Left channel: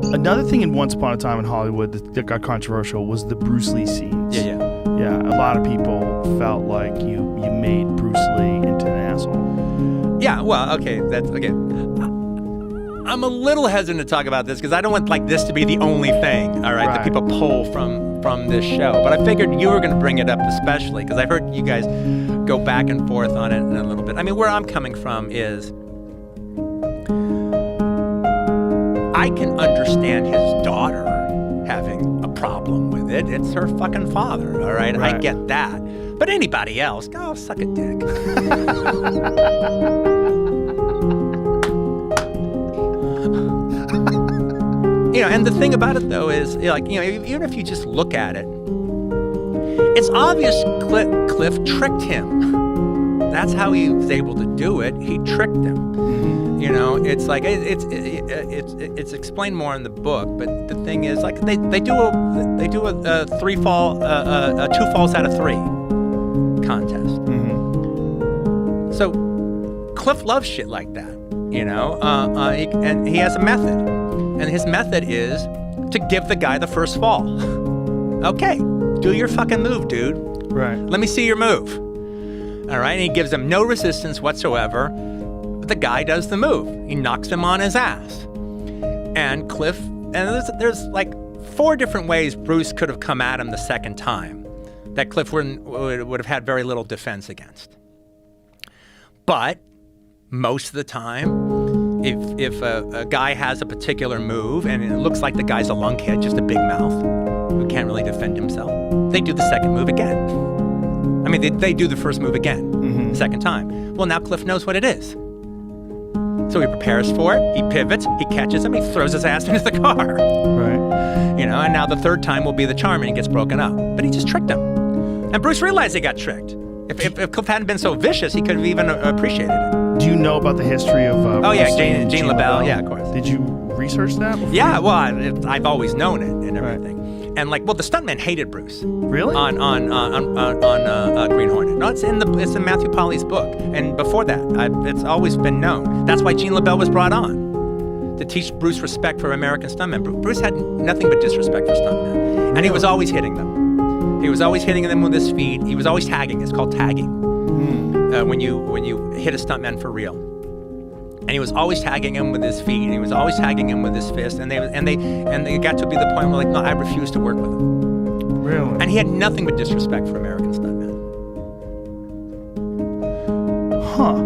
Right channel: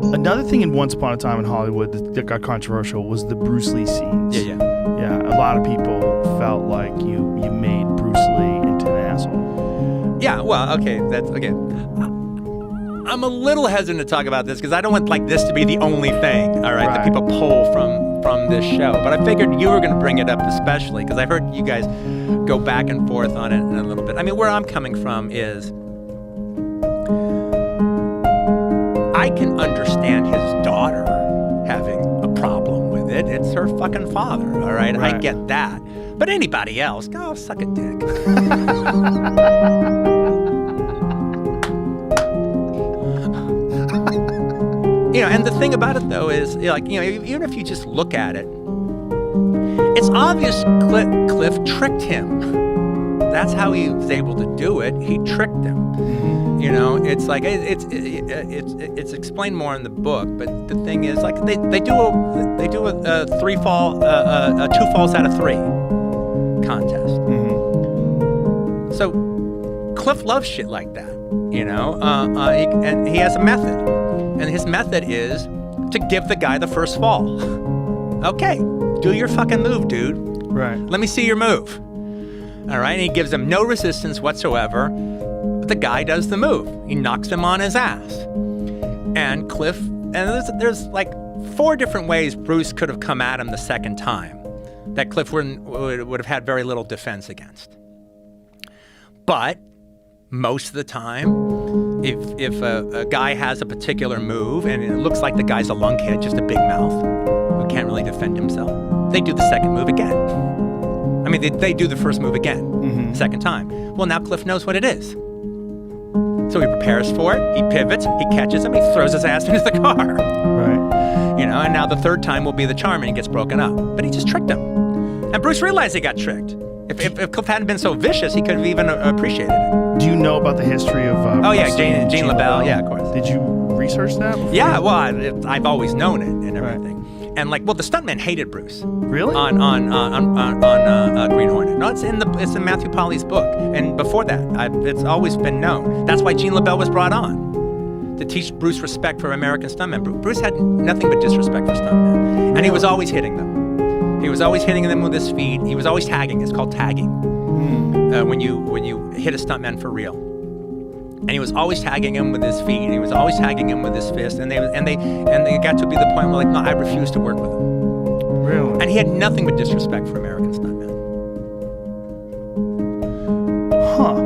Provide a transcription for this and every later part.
Another thing in Once Upon a Time in Hollywood that got controversial was the Bruce Lee scenes. Yeah, a lot of people felt like you made Bruce Lee into an asshole. Yeah, well, okay, that's okay. I'm a little hesitant to talk about this because I don't want like this to be the only thing, all right, that people pull from this show. But I figured you were going to bring it up especially because I've heard you guys go back and forth on it in a little bit. I mean, where I'm coming from is I can understand his daughter having a problem with it. It's her fucking father, all right? I get that. But anybody else, go suck a dick. You know, and the thing about it, though, is, like, you know, even if you just look at it, it's obvious Cliff tricked him. That's how he was able to do it. He tricked him. Mm-hmm. You know, it's like it's explained more in the book. But the thing is, like, they do a 2 falls out of 3 contest. Mm-hmm. So Cliff loves shit like that. You know, and he has a method. And his method is to give the guy the first fall. Okay, do your fucking move, dude. Right. Let me see your move. All right, and he gives him no resistance whatsoever. But the guy does the move. He knocks him on his ass. And Cliff, and there's like 4 different ways Bruce could have come at him the second time that Cliff would have had very little defense against. But most of the time, if a guy has a particular move and it looks like the guy's a lunkhead, just a big mouth, who can't really defend himself, they do the second move again. I mean, they do the first move again, the second time. Well, now Cliff knows what it is. So he prepares for it, he pivots, he catches him, he throws his ass into the car. Right. You know, and now the third time will be the charm and he gets broken up. But he just tricked him. And Bruce realized he got tricked. If Cliff hadn't been so vicious, he could have even appreciated it. Do you know about the history of Jean LaBelle? Yeah, of course. Did you research that before? Yeah, well, I've always known it and everything. Right. And like, well, the stuntman hated Bruce. Really? On Green Hornet. No, it's in Matthew Polly's book. And before that, it's always been known. That's why Jean LaBelle was brought on, to teach Bruce respect for American stuntmen. Bruce had nothing but disrespect for stuntmen. Really? And he was always hitting them. He was always hitting them with his feet. He was always tagging. It's called tagging. When you hit a stuntman for real. And he was always tagging him with his feet. He was always tagging him with his fist. And they got to be the point where, like, no, I refuse to work with him. Really? And he had nothing but disrespect for American stuntmen. Huh.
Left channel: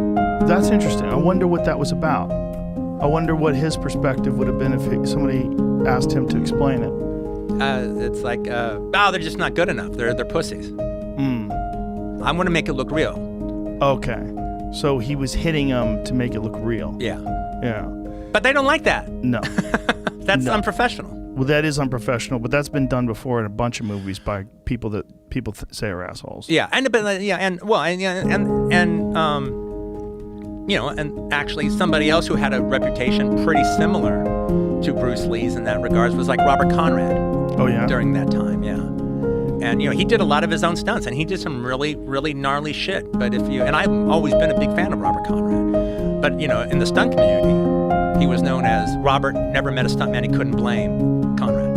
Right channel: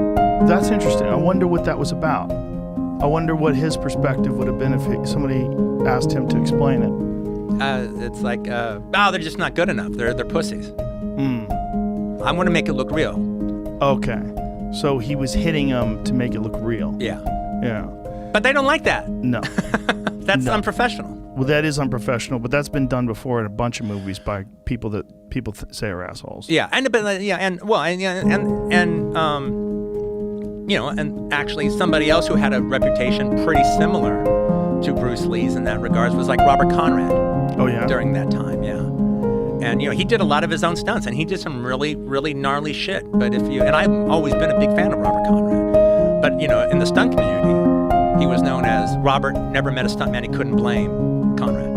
That's interesting. I wonder what that was about. I wonder what his perspective would have been if somebody asked him to explain it. It's like, they're just not good enough. They're pussies. I want to make it look real. Okay. So he was hitting them to make it look real. Yeah. Yeah. But they don't like that. No. That's unprofessional. Well, that is unprofessional, but that's been done before in a bunch of movies by people that people say are assholes. Yeah, and you know, and actually somebody else who had a reputation pretty similar to Bruce Lee's in that regards was like Robert Conrad. Oh yeah. During that time, yeah. And, you know, he did a lot of his own stunts, and he did some really, really gnarly shit. But and I've always been a big fan of Robert Conrad. But, you know, in the stunt community, he was known as Robert never met a stuntman he couldn't blame Conrad.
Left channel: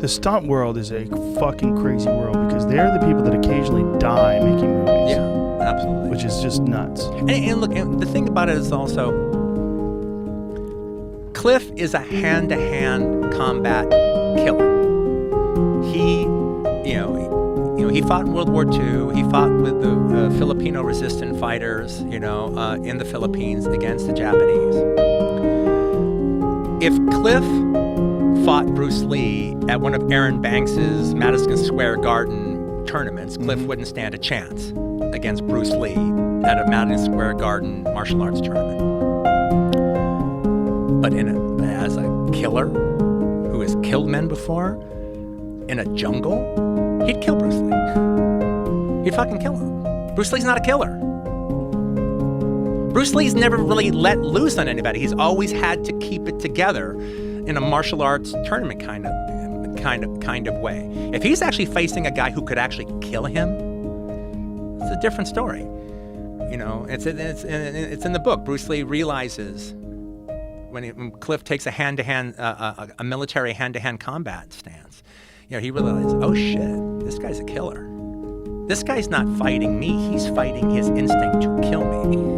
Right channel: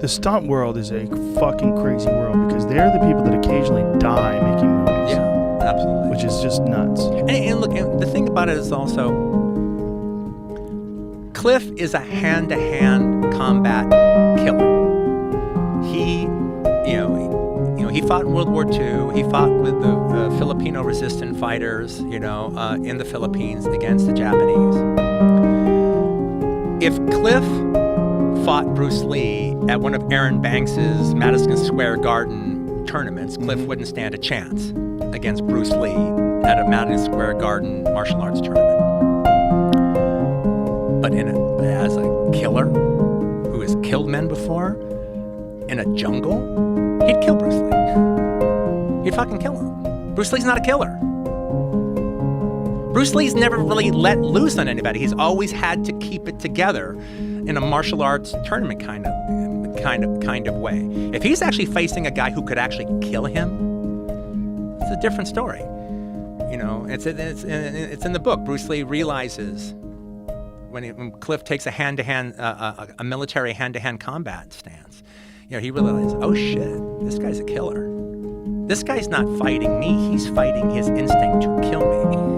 The stunt world is a fucking crazy world because they're the people that occasionally die making movies. Yeah, absolutely. Which is just nuts. And look, and the thing about it is also, Cliff is a hand-to-hand combat killer. He fought in World War II. He fought with the Filipino resistant fighters, you know, in the Philippines against the Japanese. If Cliff fought Bruce Lee at one of Aaron Banks's Madison Square Garden tournaments, Cliff wouldn't stand a chance against Bruce Lee at a Madison Square Garden martial arts tournament. But as a killer who has killed men before, in a jungle, he'd kill Bruce Lee. He'd fucking kill him. Bruce Lee's not a killer. Bruce Lee's never really let loose on anybody. He's always had to keep it together in a martial arts tournament kind of way. If he's actually facing a guy who could actually kill him, it's a different story. You know, it's in the book. Bruce Lee realizes when Cliff takes a hand-to-hand, a military hand-to-hand combat stance, he realizes, oh shit, this guy's a killer. This guy's not fighting me, he's fighting his instinct to kill me.